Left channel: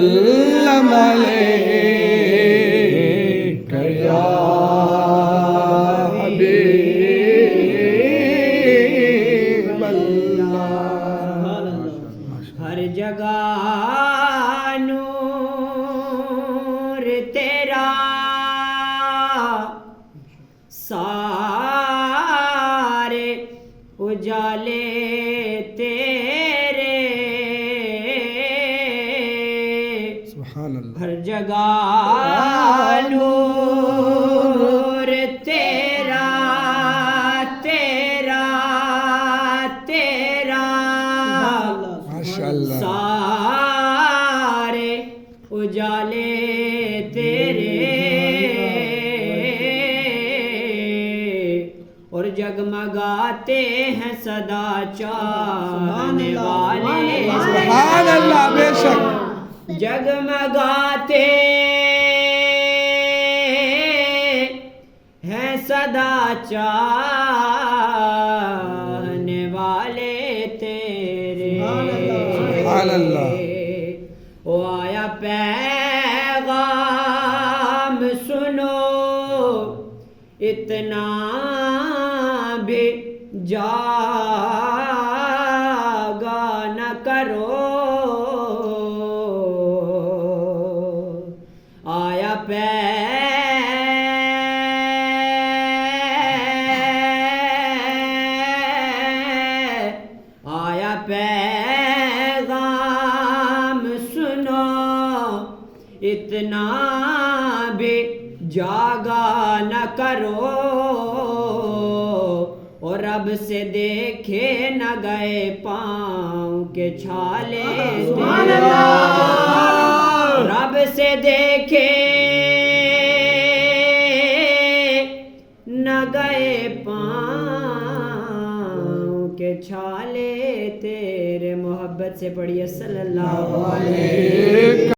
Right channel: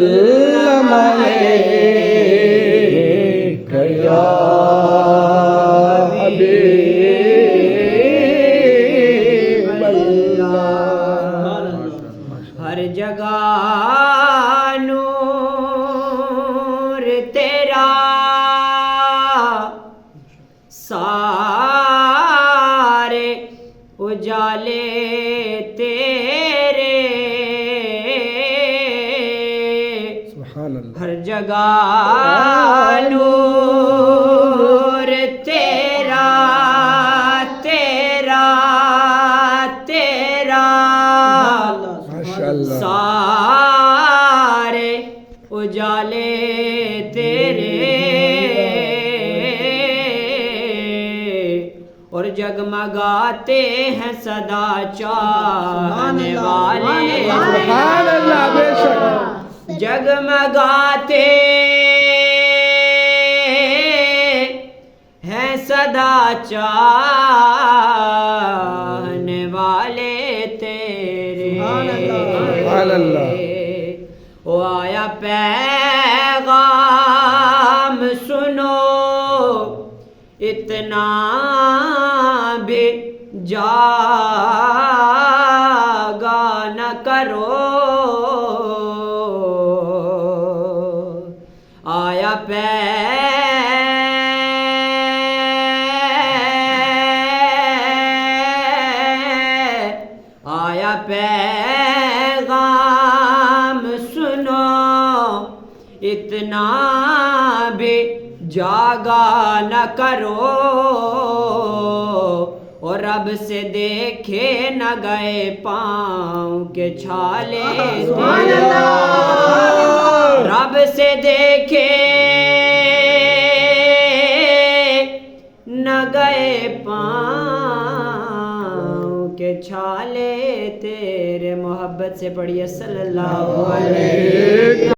وسلم علیک یا حبیب اللہ۔ ہر جگہ نور تیرا، سارے اجالے تیرے، سبحان اللہ۔ ہر جگہ نور تیرا تیرا تیرا، ماشاء اللہ۔ سارے اجالے تیرے، اور جگمگاتے ہیں صدا چاہنے والے، سبحان اللہ، بے شک جگمگاتے ہیں صدا چاہنے والے تیرے، سبحان اللہ۔ او آیا پیغام سنو، اتنا بھی جاگا نہ کرو، آیا پیغام سنو، اتنا بھی جاگا نہ کرو، اور رب سے دیکھے نہ گئے پاؤں کے چھالے، رب سے دیکھے نہ گئے پاؤں کے چھالے تیرے، محبت سے پڑھیے صلی اللہ علیہ